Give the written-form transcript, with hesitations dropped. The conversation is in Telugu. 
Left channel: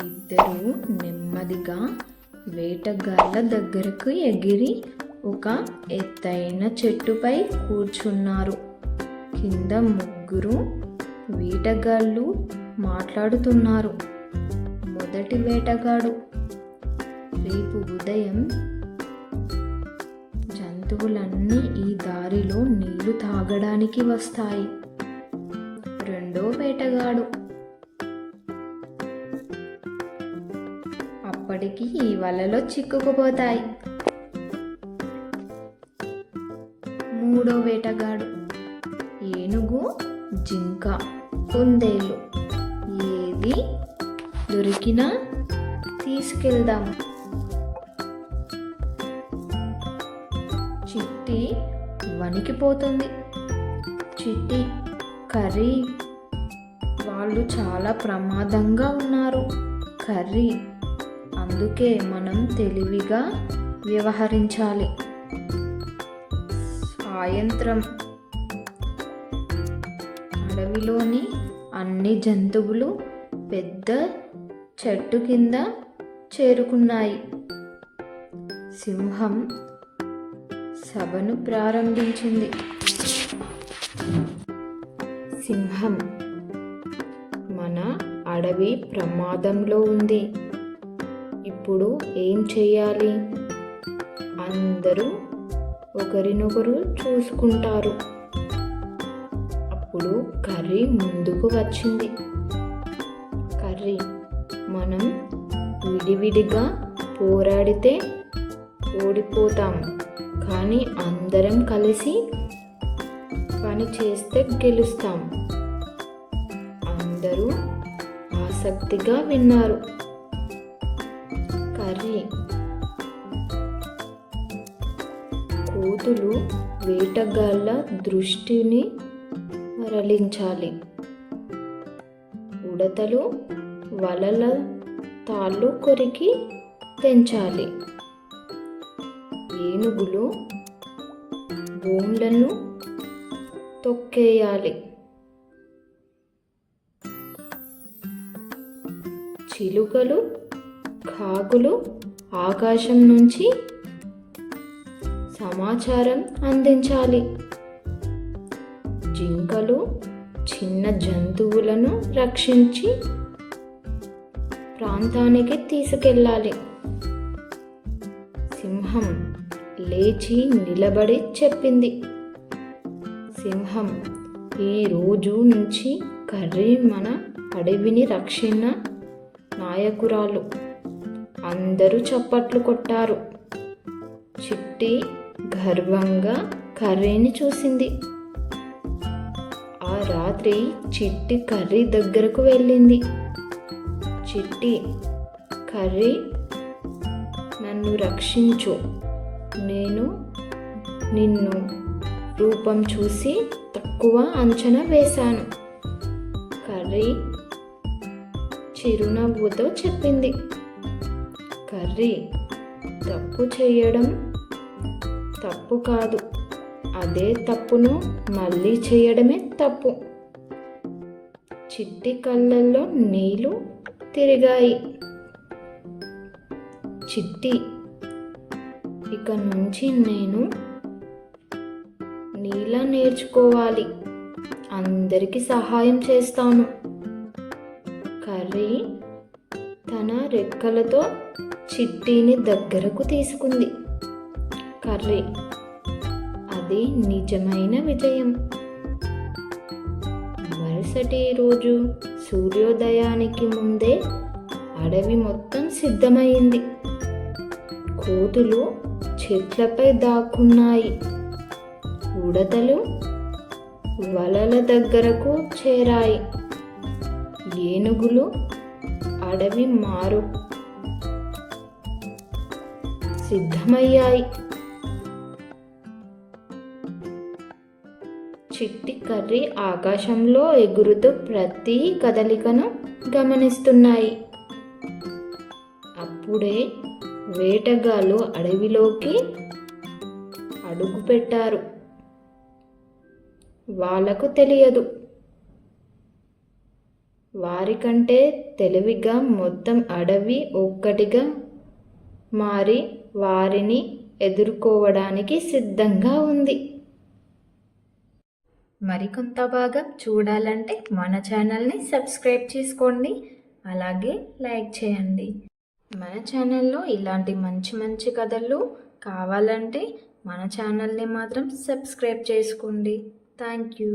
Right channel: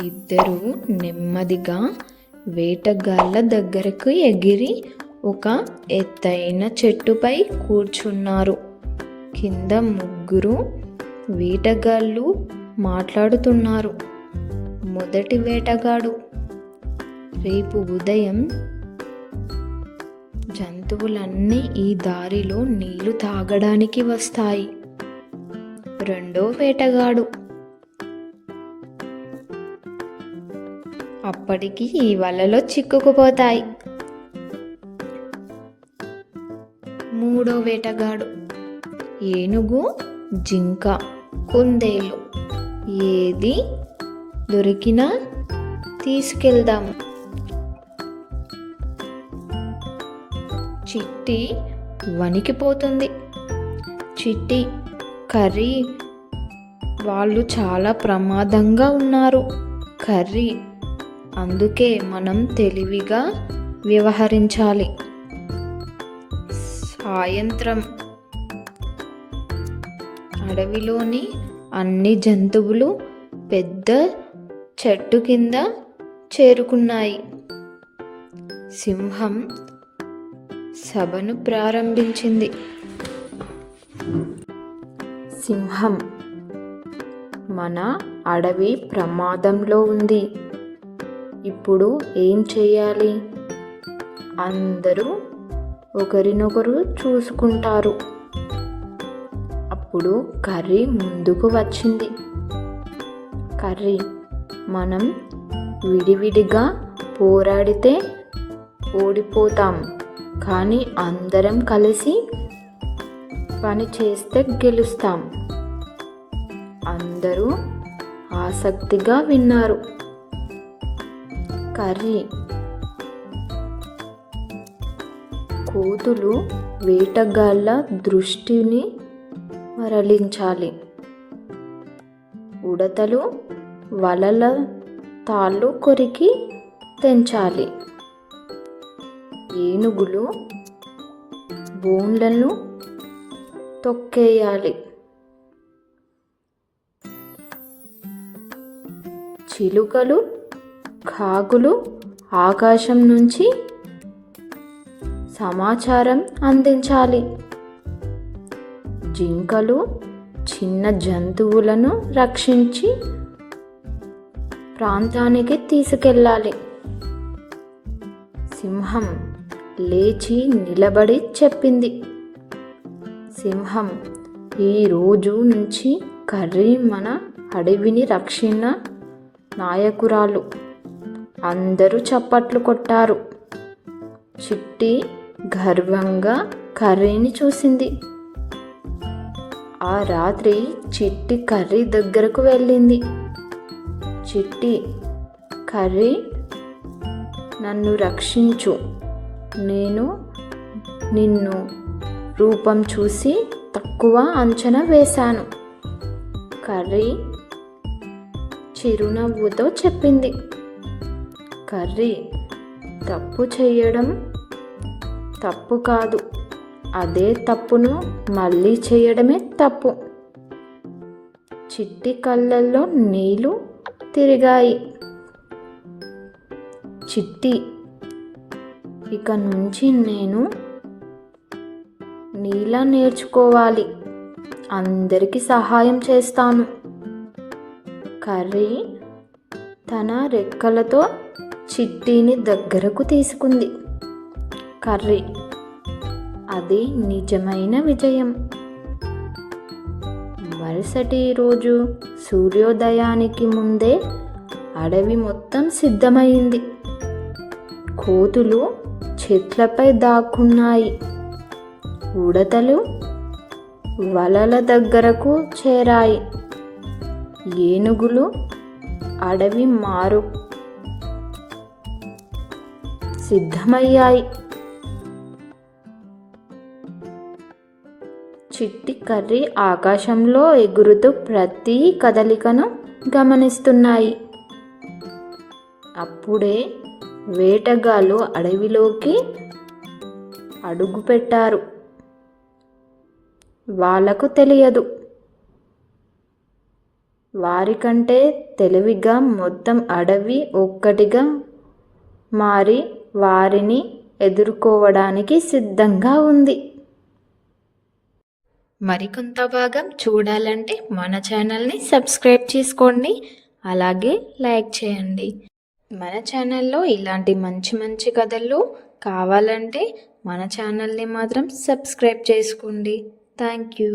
ఇద్దరూ నెమ్మదిగా వేటగాళ్ళ దగ్గరకు ఎగిరి ఒక ఎత్తైన చెట్టుపై కూర్చున్నారు. కింద ముగ్గురు వేటగాళ్ళు మాట్లాడుతున్నారు. మొదటి వేటగాడు, రేపు ఉదయం జంతువులన్నీ ఈ దారిలో నీళ్లు తాగడానికి వస్తాయి. రెండో వేటగాడు, అప్పటికి ఈ వలలో చిక్కుకుపోతాయి. మూడో వేటగాడు, ఏనుగు, జింక, కుందేలు ఏది దొరికినా తీసుకెళ్దాం. చిట్టి వణికిపోతుంది. చిట్టి, కర్రీ వాళ్ళు చాలా ప్రమాదంగా ఉన్నారు కర్రీ, అందుకే మనం తెలివిగా వ్యవహరించాలి. సాయంత్రం అడవిలోని అన్ని జంతువులు పెద్ద చెట్టు కింద చేరుకున్నాయి. సింహం సభను ప్రారంభించింది. సింహం, మన అడవి ప్రమాదంలో ఉంది. ఇప్పుడు ఏం చేయాలి? అందరూ ఒకరినొకరు చూసుకుంటారు. అప్పుడు కర్రీ ముందుకు వచ్చింది. కర్రీ, మనం విడివిడిగా పోరాడితే ఓడిపోతాం, కానీ అందరం కలిసి పని చేస్తే గెలుస్తాం. అందరూ ఆసక్తిగా విన్నారు. కర్రీ, కోతులు వేటగాళ్ళ దృష్టిని మరలించాలి. ఉడతలు వలల తాళ్ళు కొరికి తెంచాలి. ఏనుగులు బోన్లను తొక్కేయాలి. చిలుకలు, కాకులు ఆకాశం నుంచి సమాచారం అందించాలి. జింకలు చిన్న జంతువులను రక్షించి ప్రాంతానికి తీసుకెళ్ళాలి. సింహం లేచి నిలబడి చెప్పింది. సింహం, ఈ రోజు నుంచి కర్రీ మన అడవిని రక్షణ నాయకురాలు. అందరూ చప్పట్లు కొట్టారు. చిట్టి గర్వంగా కర్రీని చూసింది. ఆ రాత్రి చిట్టి కర్రీ దగ్గరకు వెళ్ళింది. చిట్టి, కర్రీ, నన్ను రక్షించు. నేను నిన్ను రూపం చూసి తక్కువ అంచనా వేశాను. కర్రీ చిరునవ్వుతో చెప్పింది. కర్రీ, తప్పు చేయడం తప్పు కాదు, అదే తప్పును మళ్ళీ చేయడమే తప్పు. చిట్టి కళ్ళల్లో నీళ్లు తిరిగాయి. చిట్టి, ఇక నుంచి నేను నీలా నేర్చుకోవాలి, అందరికీ సహాయం చేస్తాను. కర్రీ తన రెక్కలతో చిట్టిని దగ్గరకు తీసుకుంది. కర్రీ, అది నిజమైన విజయం. మరుసటి రోజు సూర్యోదయానికి ముందే అడవి మొత్తం సిద్ధమైంది. కోతులు చెట్లపై దాక్కున్నాయి. ఉడతలు వలల దగ్గరకు చేరాయి. ఏనుగులు అడవి మారు సిద్ధమయ్యాయి. చిట్టి కర్రీ ఆకాశంలో ఎగురుతూ ప్రతి కదలికను గమనిస్తున్నాయి. అప్పుడే వేటగాళ్ళు అడవిలోకి అడుగుపెట్టారు. వాళ్ళకు తెలియదు, వారికంటే తెలివిగా మొత్తం అడవి ఒక్కటిగా మారి వారిని ఎదుర్కోవడానికి సిద్ధంగా ఉంది. మరికొంత భాగం చూడాలంటే మన ఛానల్ని సబ్స్క్రైబ్ చేసుకోండి, అలాగే లైక్ చేయండి. మన ఛానల్లో ఇలాంటి మంచి మంచి కథలు కావాలంటే మన ఛానల్ని మాత్రం సబ్స్క్రైబ్ చేసుకోండి. Thank you.